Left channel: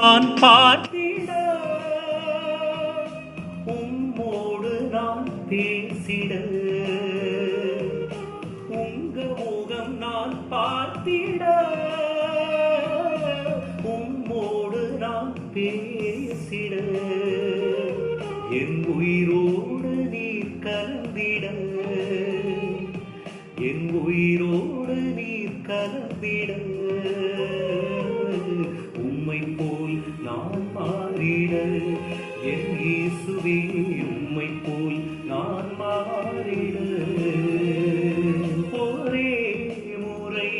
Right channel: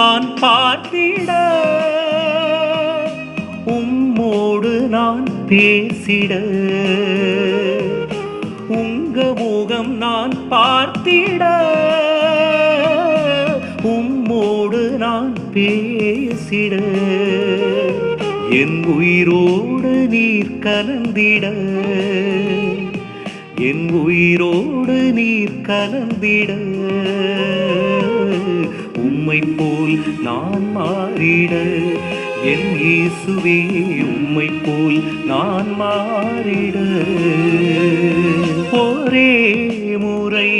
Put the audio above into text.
நான் பார்த்திட, உம்மோடு நான் பேசிட, உங்க முகம் நான் பார்த்திட, உம்மோடு நான் பேசிட, என் உயிரோடு நீர் கலந்திட, என் உயிரோடு நீர் கலந்திட, உம்மை போல் நான் மாறிட, என் இயேசுவே உம்மை போல் நான் மாறிட, ஒரே முறை